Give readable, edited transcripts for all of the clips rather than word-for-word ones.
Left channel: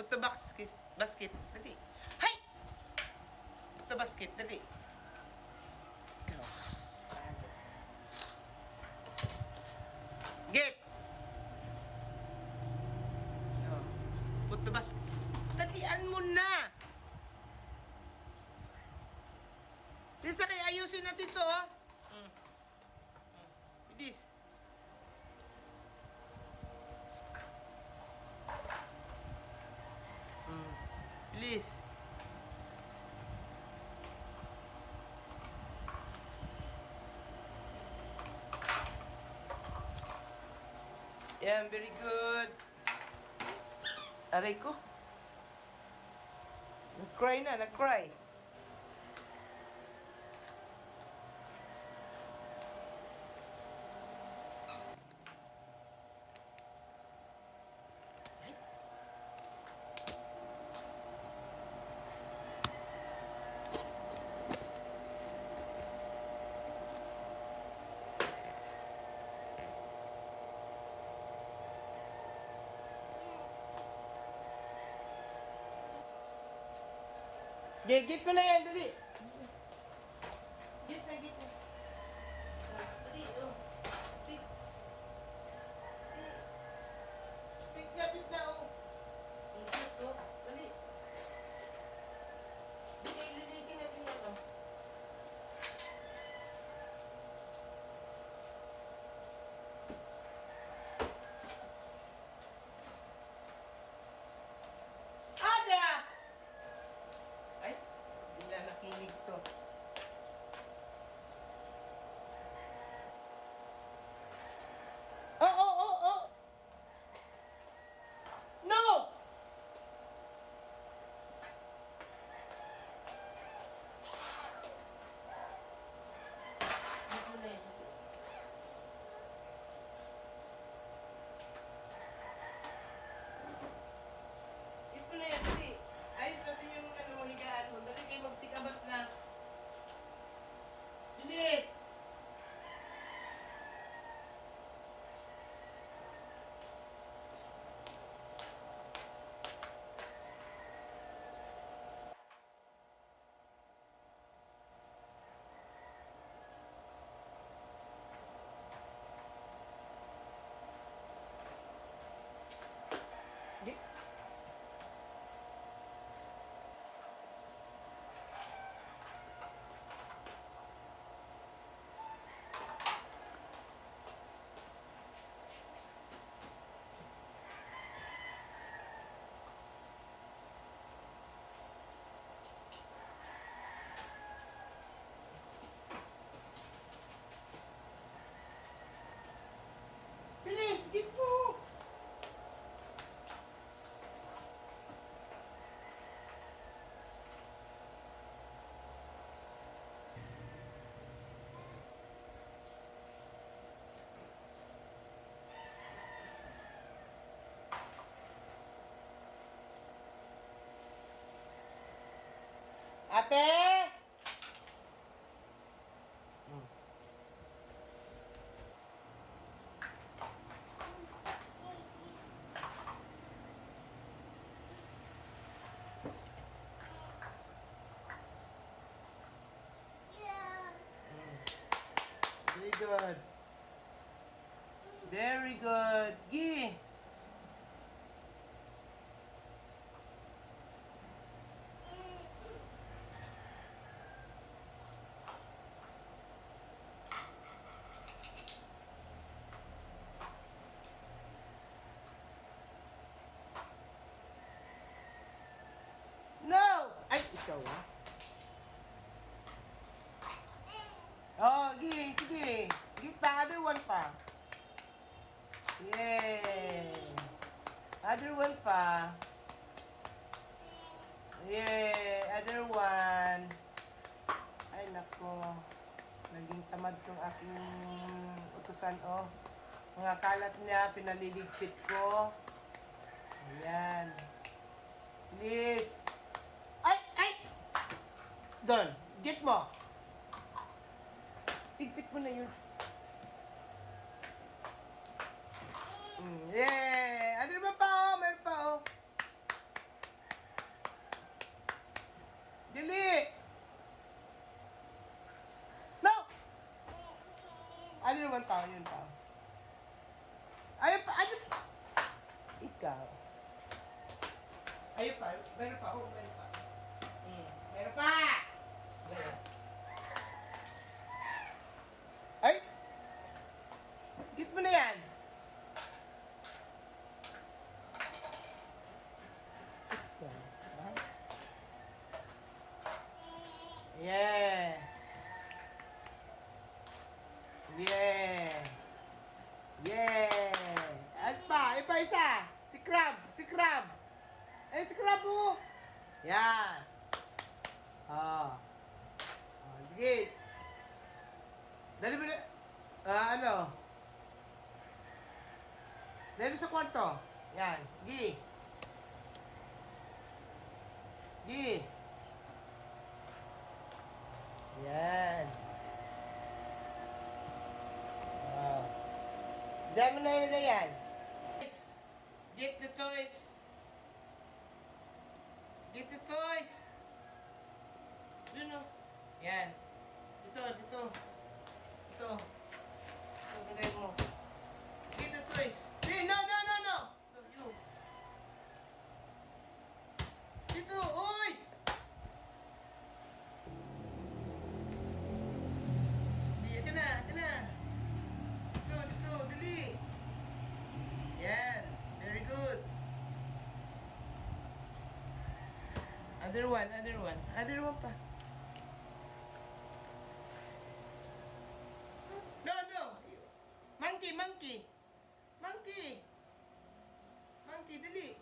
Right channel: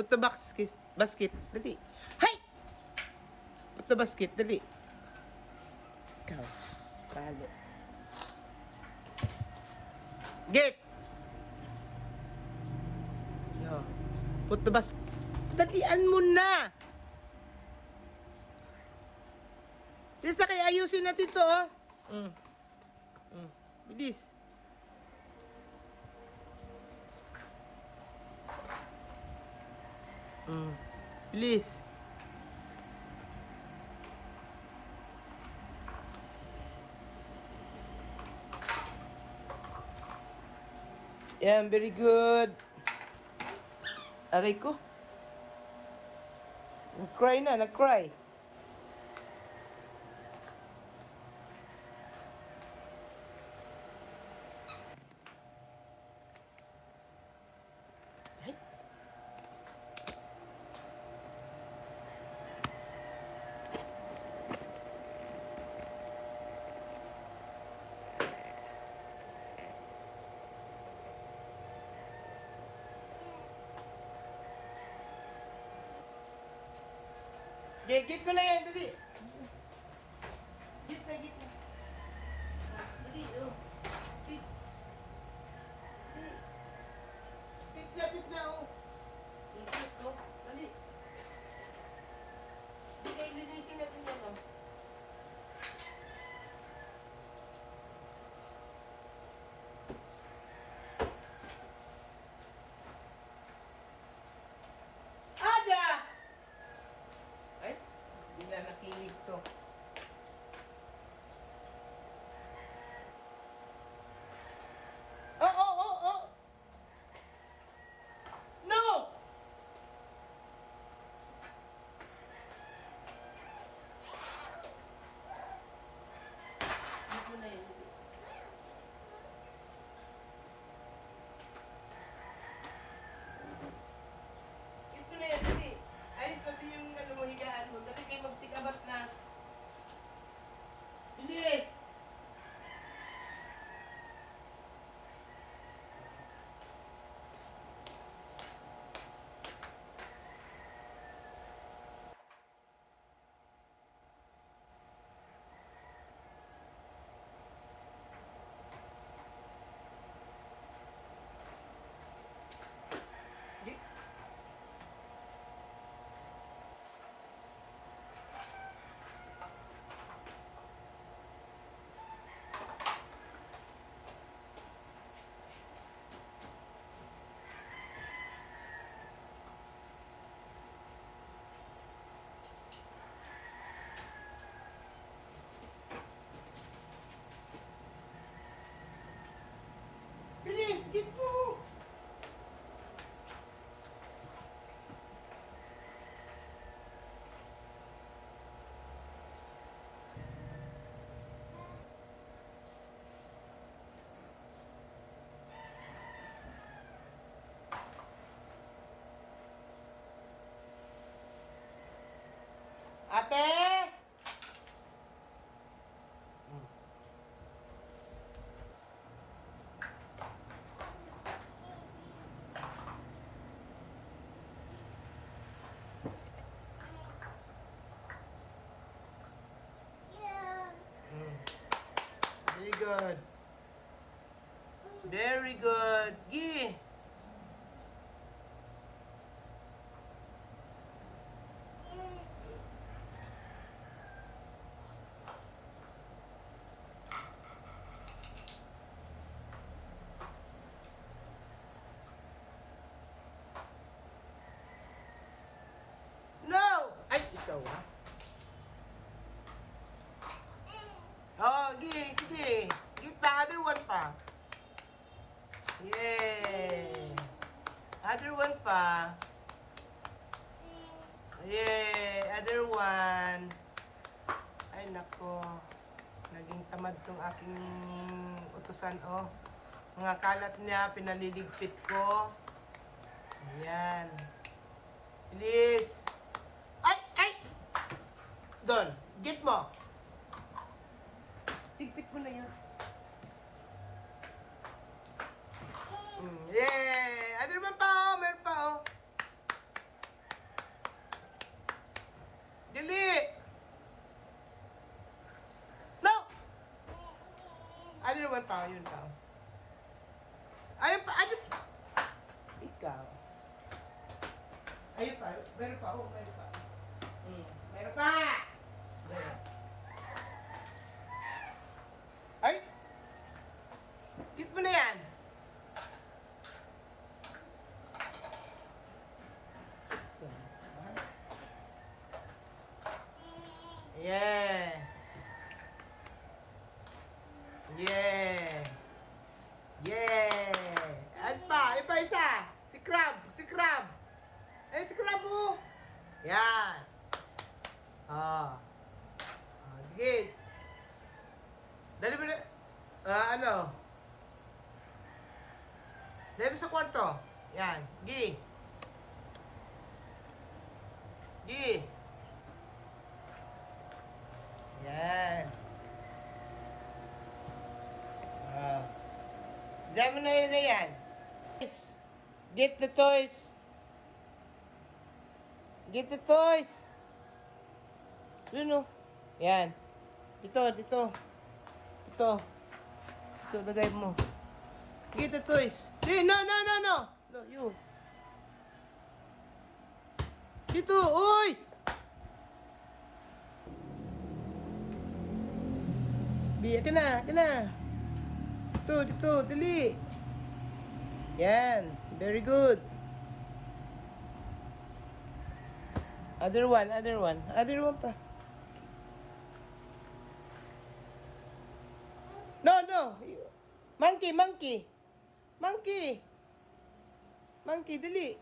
Put the basket. Dali. Hay! Put the basket. Dali. Ikaw. Talo. Get! Yo. Put the basket. Dalian mo na! Bilis na kaya ayusin natin to, oh. Bilis. Bilis. Yan, very good. Aray ko. Nag-cry na, nag-cry. Ay. Git ko na yan, dali. Git na. Dali, oh. Git. Git na, oh. Insert, oh. Dali. Linisin natin yan, oh. Ada! Ay, hindi na nakinig to. Oh. No! Dito na yun. Ito na yan, dali. Ayos natin yung higaan mo. Dali kayo magtikabat na. Bilis! Di. Bilis! Git mo! Ate! Very good. Very good. Yeah. No! Ay, ikaw ah. Oh, sige. Get the other one pa. Yay! Other one pa. Yay! Other one. Ay, nako. Naging tamad tong aking utusan, oh. Mga kalat niya, pinaliligpit ko. Ayan. Bilis. Ay! Doon. Get mo. Ligpit mo na yun. Yay! Ano naman pa, oh? Meron pa, oh. Meron pa, oh, meron pa. Meron pa! Ayan. Ay! Git mo na yan! Yeah! Yeah! Yeah! Ay pa isa! Si Crab! Si Crab! Ay, si Crab mo! Yan! Sige! Dali mo na... ano? Dali mo sa kwarto. Yan. Gi! Gi! Yan. Diyan mo na yun na yan. Get the toys. Get the toys. Yun o. Yan. Dito. Ito, lagay mo. Get the toys. Hey, no. No, you. Dito, oy! Biya ka na. Dito, dali. Yan, very good. Other one pa. No. Monkey, dali.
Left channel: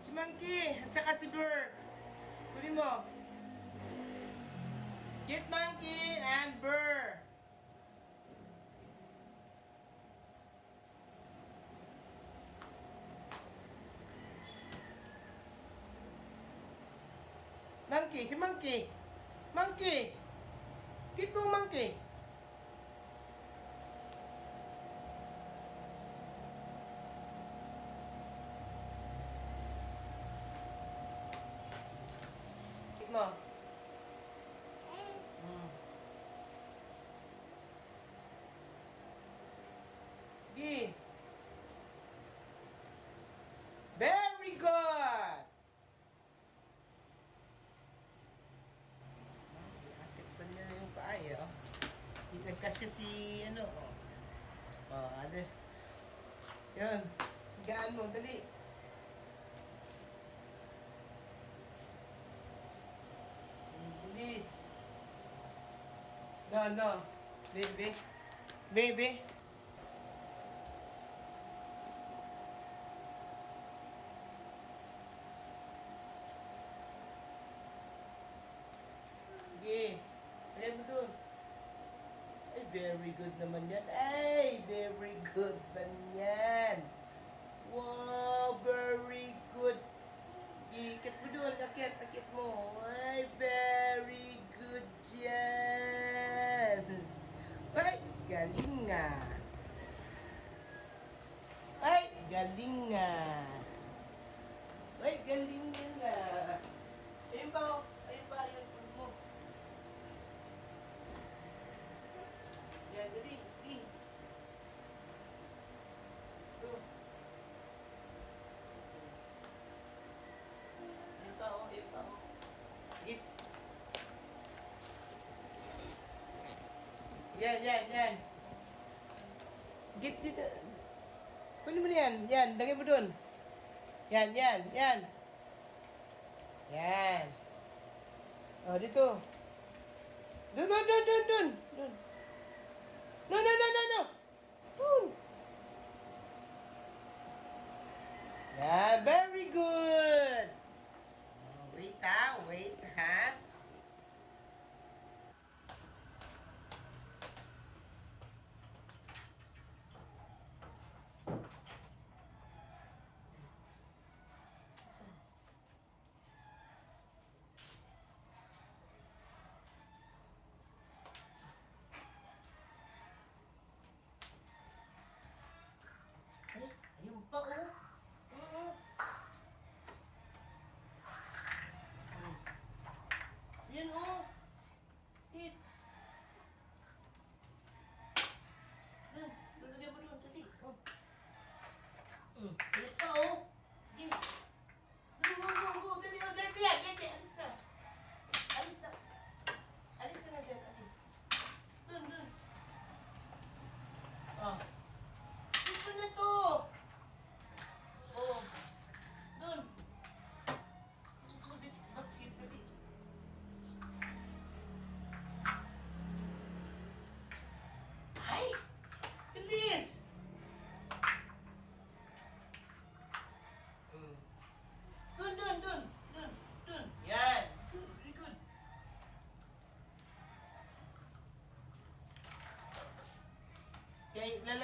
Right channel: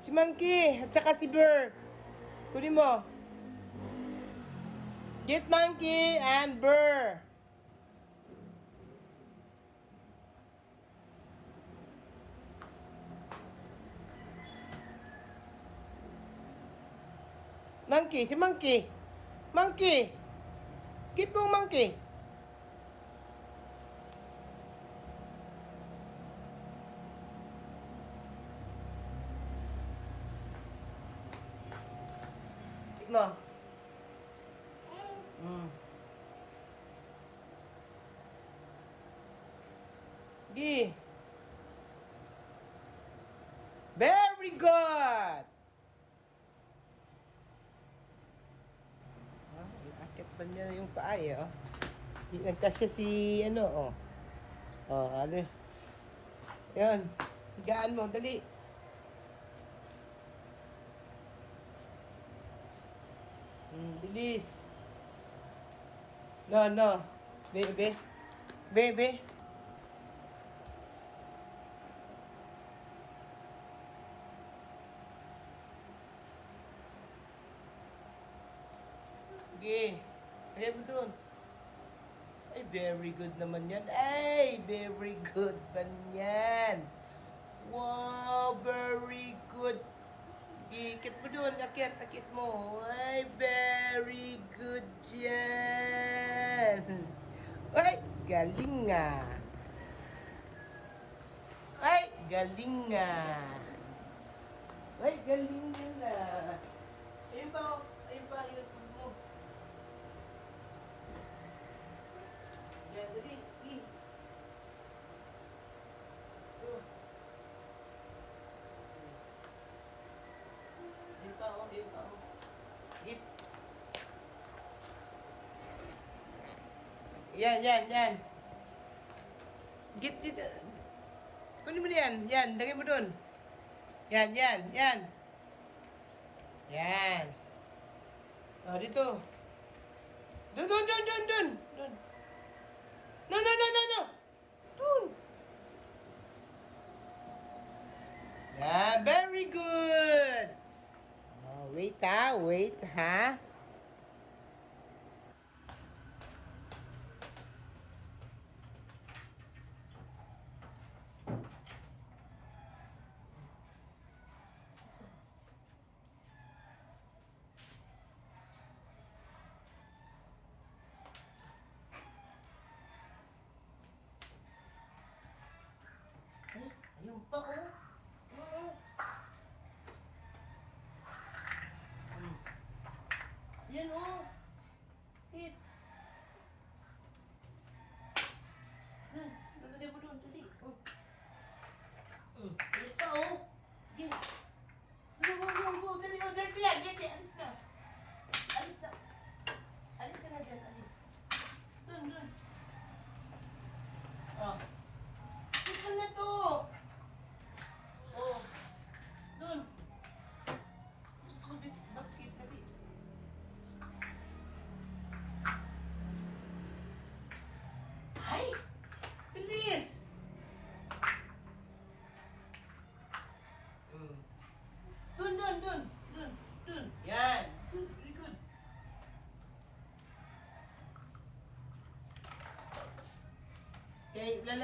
Si Monkey, at saka si Burr. Kunin mo. Get Monkey and Burr. Si Monkey. Get mo Monkey. Get mo. Gi. Very good. Akit pa niya yung paa eh, oh. Di nagkasya si ano, oh. Ano. Yan. Higaan mo, dali. Bilis. No. Baby. Sige. Ayan mo dun. Ay, very good naman yan. Very good man yan. Wow, very good. Ikit mo dun. Akit mo. Ay, very good yan. Ay, galing nga. Ay, galing nga. Ayun ba, yung food mo. Yan, dali. Ito. Ayun pa, oh. Git. Yan. Git. Kunin mo na yan. Yan, lagay mo dun. Yan. Yan. Dito. Dun. No. Dun. Yeah, very good. Wait ha. Ay, ayun pa, oh. Oo. Yan, oh. Hit. Lalagay mo doon, dali. Yan pa, oh. Yan.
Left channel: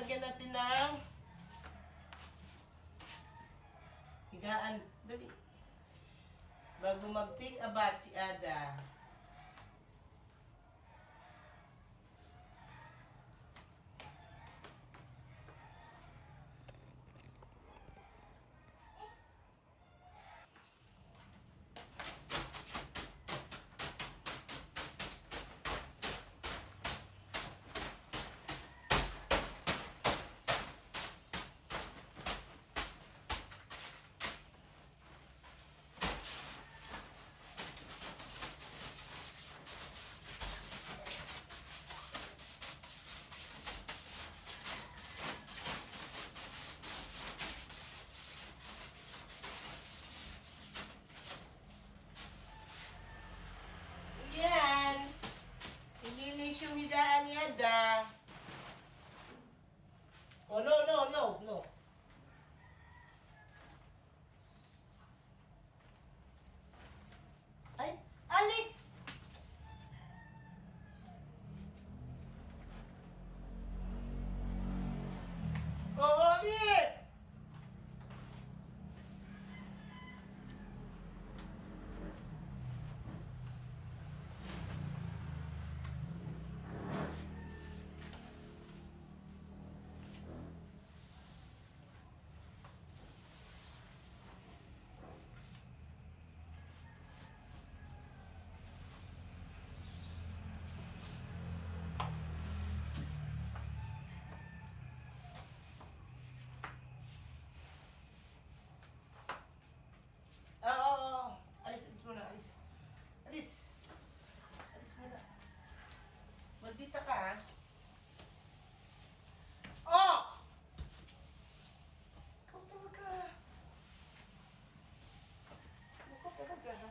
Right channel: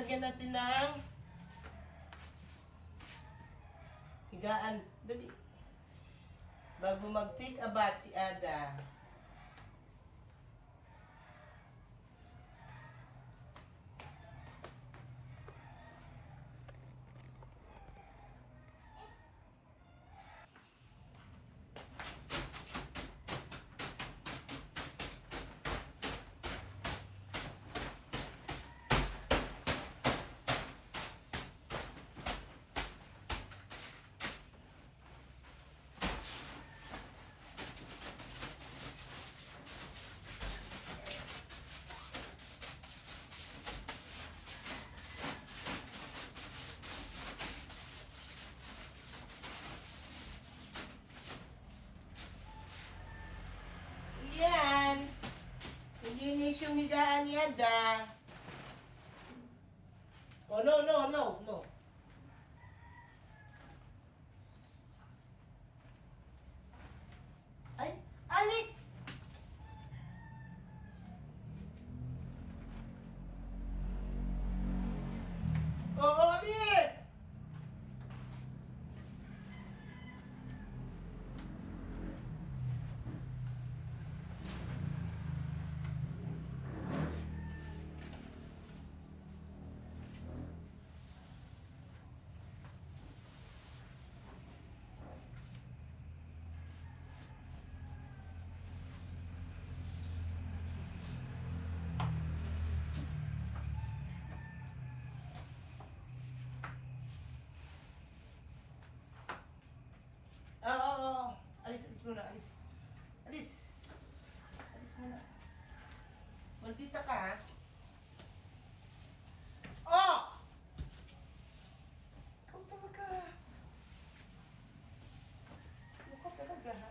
Lagyan natin ng higaan. Dali. Bago mag-take a bath si Ada. Yan. Ilinis yung higaan ni Ada. Oh, no, no, no, no. Ay, alis! Oo, alis! Oo. Alis, alis muna, alis. Alis. Alis muna. Maldita ka, ha? Oh! Ikaw talaga. Ikaw talaga, ha?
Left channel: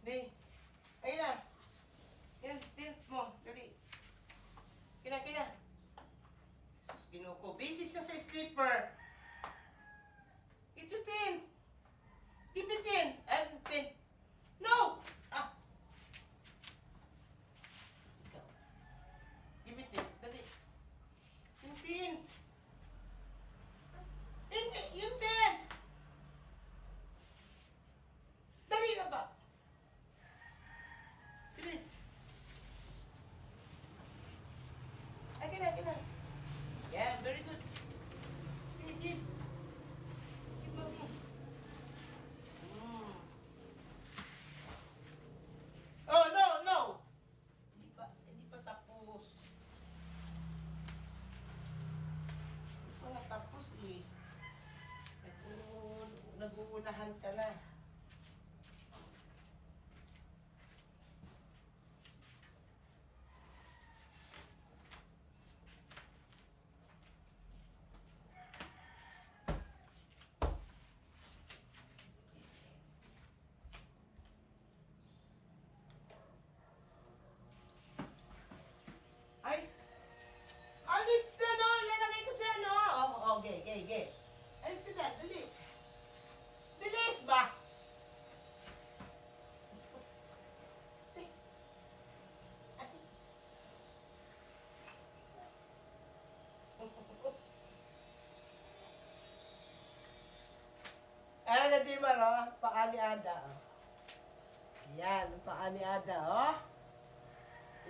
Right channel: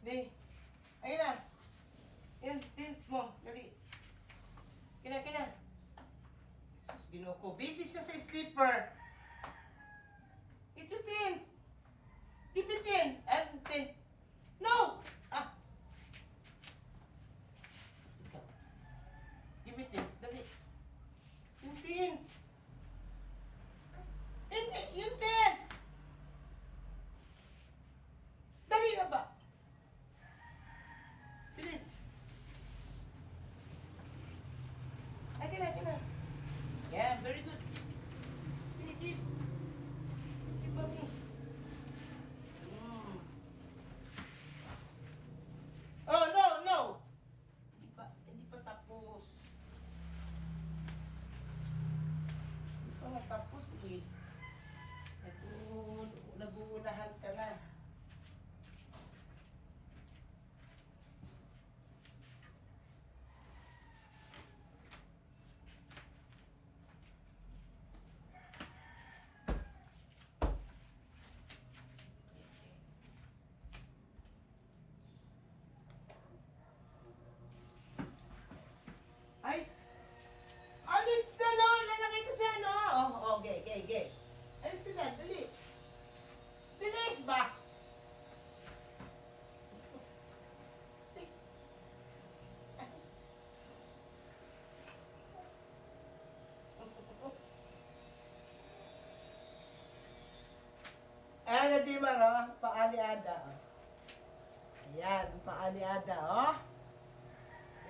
Di. Ayun na. Yan, tint mo. Dali. Kina, kina. Sus, ginuko. Busy siya sa sleeper. Ito tint. Give me tint. And tint. No! Ah. Ikaw. Give me tint. Dali. Yung tint. Yung tint. Dali na ba? Bilis. Ay, kina, kina. Yeah, very good. Keep. Keep up. Oh, no, no. Hindi pa tapos. Hindi pa nga tapos eh. Nag-uunahan ka na. Ay! Alis dyan o! Lalagay ko dyan o! Oh, okay, okay, okay. Alis ka dyan, dali. Bilis ba? Ayan na, Jimar, oh. Paa ni Ada, oh. Ayan, ang paa ni Ada, oh.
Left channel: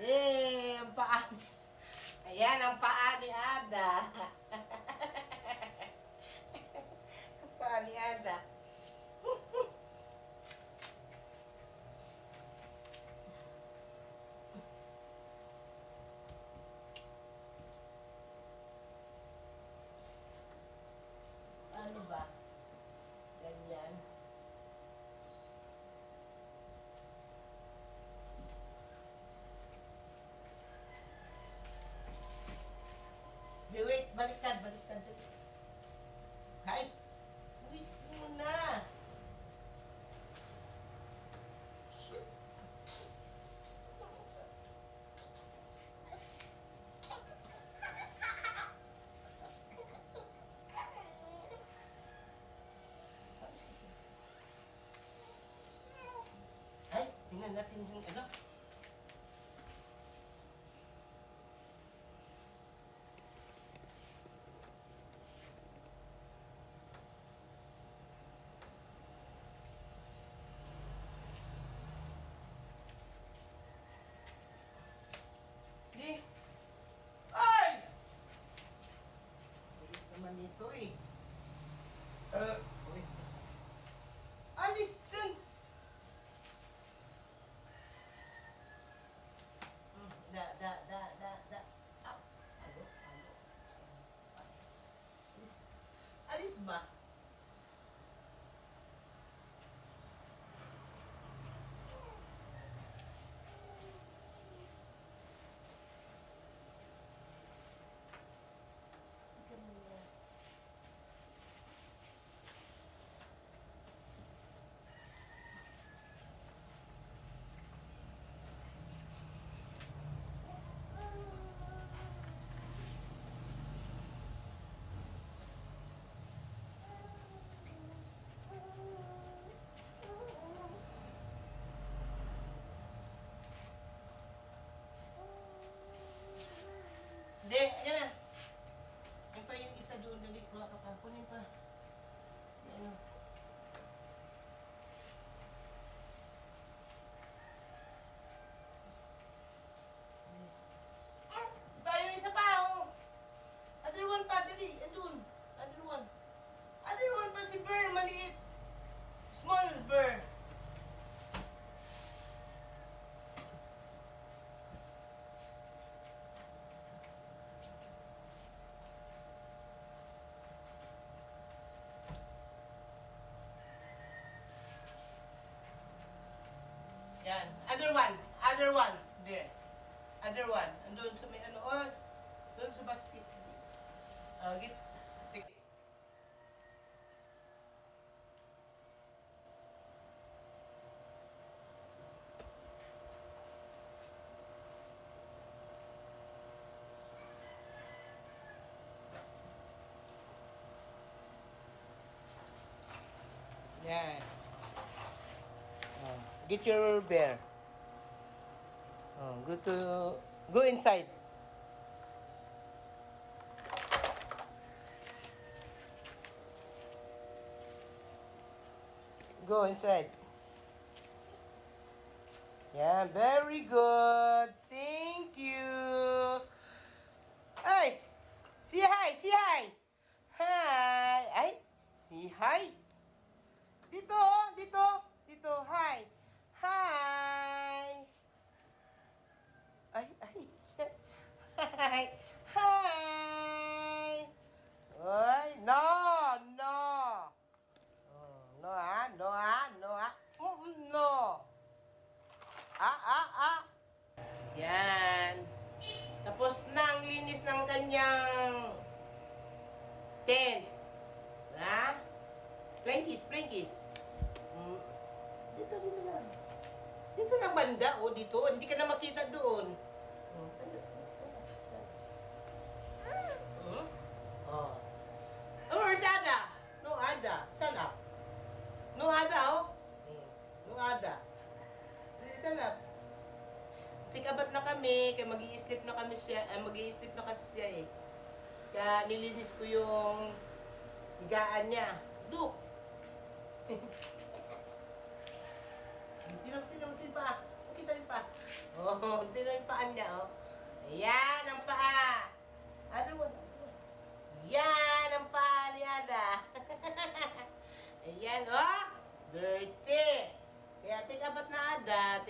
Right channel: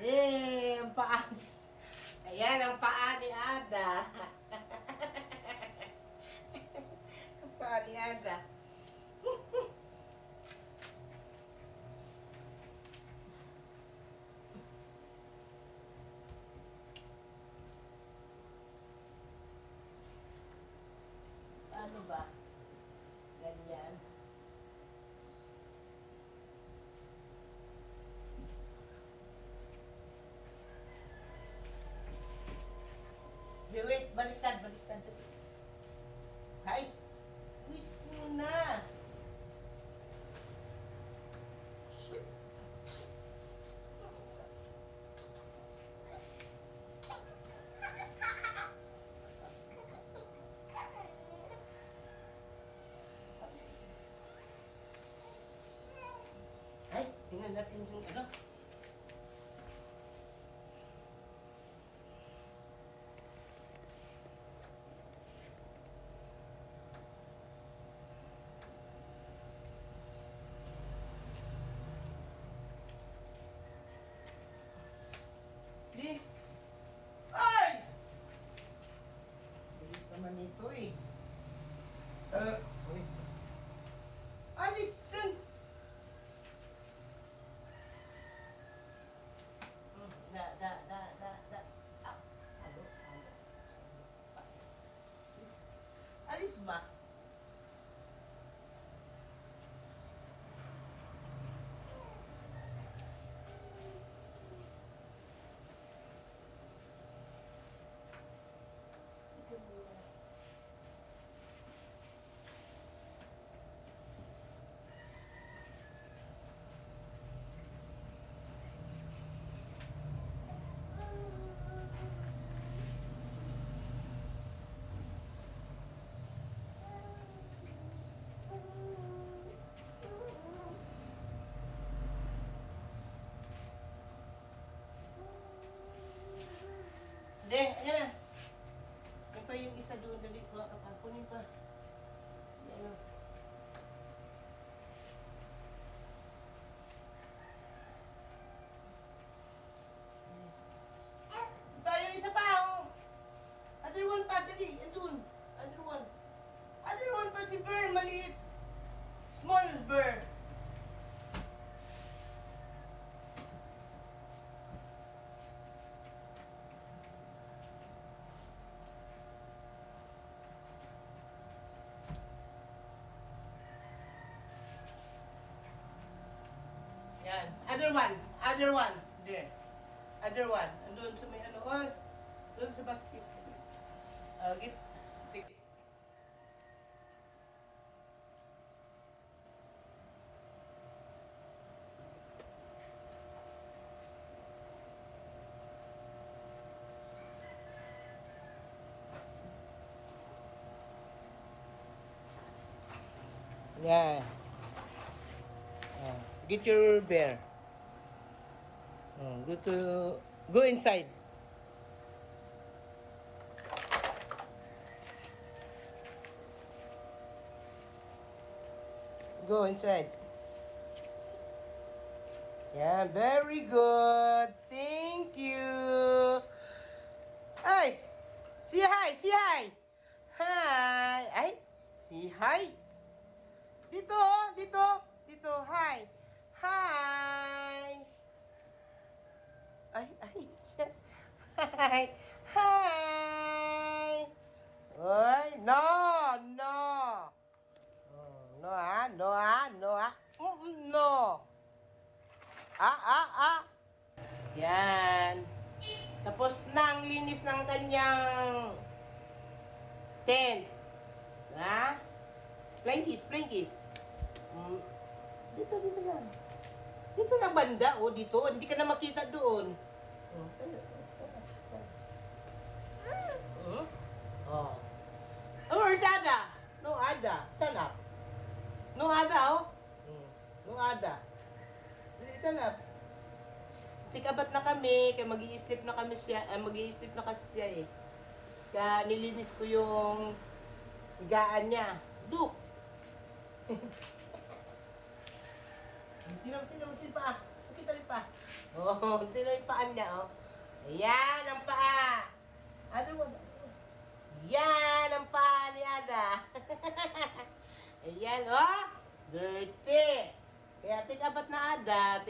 Eh, ang paa ni... Ayan, ang paa ni Ada. Ang paa ni Ada. natin yung ano. Di. Ay! Kulit naman ito eh. Uy. Alis dyan! Da. Ah, alo. Alis ba? Hindi, ayan na. Yan pa yung isa doon. Dali, kuha ka pa. Kunin pa. Ano? Pa, yung isa pa. Oh. Other one pa, dali. Andun. Other one. Other one pa si Bear, maliit. Small Bear. Yan. Other one. Other one. There. Other one. Andun sa may ano. Oh, doon sa basket. Git. Yeah. Get your bear. Go inside. Go inside. Yeah, very good. Thank you. Hey, say hi, say hi. Hi. Ay, say hi. Dito, dito, hi. Hi. Ay, siya. Hi. Hi. Oy, no. No, no. Yan. Tapos na ang linis ng kanyang tent. Ha? Plain kiss. Dito lang. Dito lang banda, dito. Hindi ka na makita doon. Where's Ada? No Ada. Stand up. No Ada, No Ada. Stand up. Tikabat na kami, kaya mag-i-sleep na kasi siya eh. Kaya nilinis ko yung higaan niya. Look! Tinan pa. Pakita rin pa. Tinan yung paan niya, Ayan, ang paa. Other one. Yan, ang paa ni Ada. Ayan, dirty. Kaya tig-abat na Ada,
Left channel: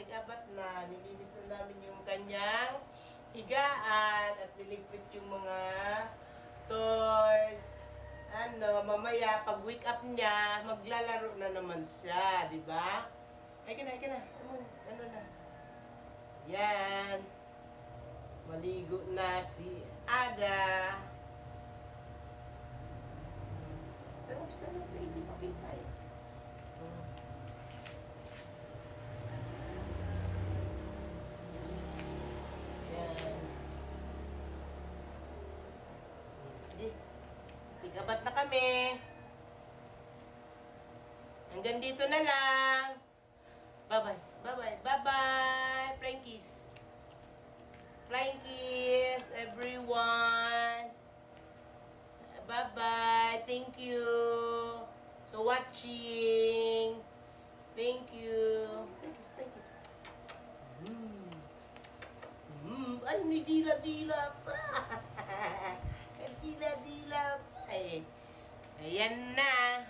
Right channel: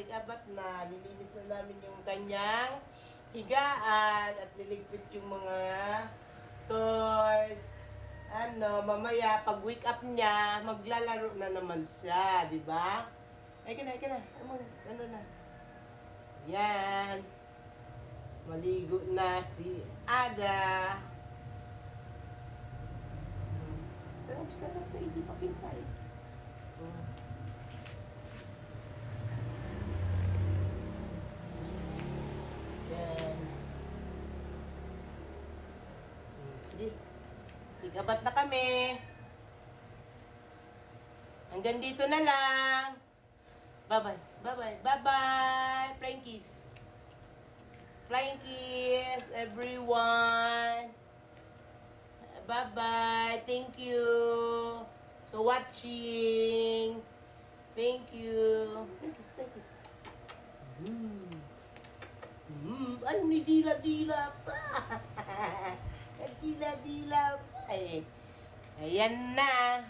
nilinis na namin yung kanyang higaan at niligpit yung mga toys. Mamaya pag wake up niya, maglalaro na naman siya, di ba? Ay ka na. Ano na? Yan. Maligo na si Ada. Stand up na, hindi pakita eh. Yan. Tigabat na kami. Hanggang dito na lang. Bye-bye. Bye-bye. Bye-bye. Flying kiss. Flying kiss, everyone. Bye-bye. Thank you. So watching. Thank you. Flying kiss, flying kiss. Ay, may dila-dila pa. Dila-dila pa eh. Ayan na.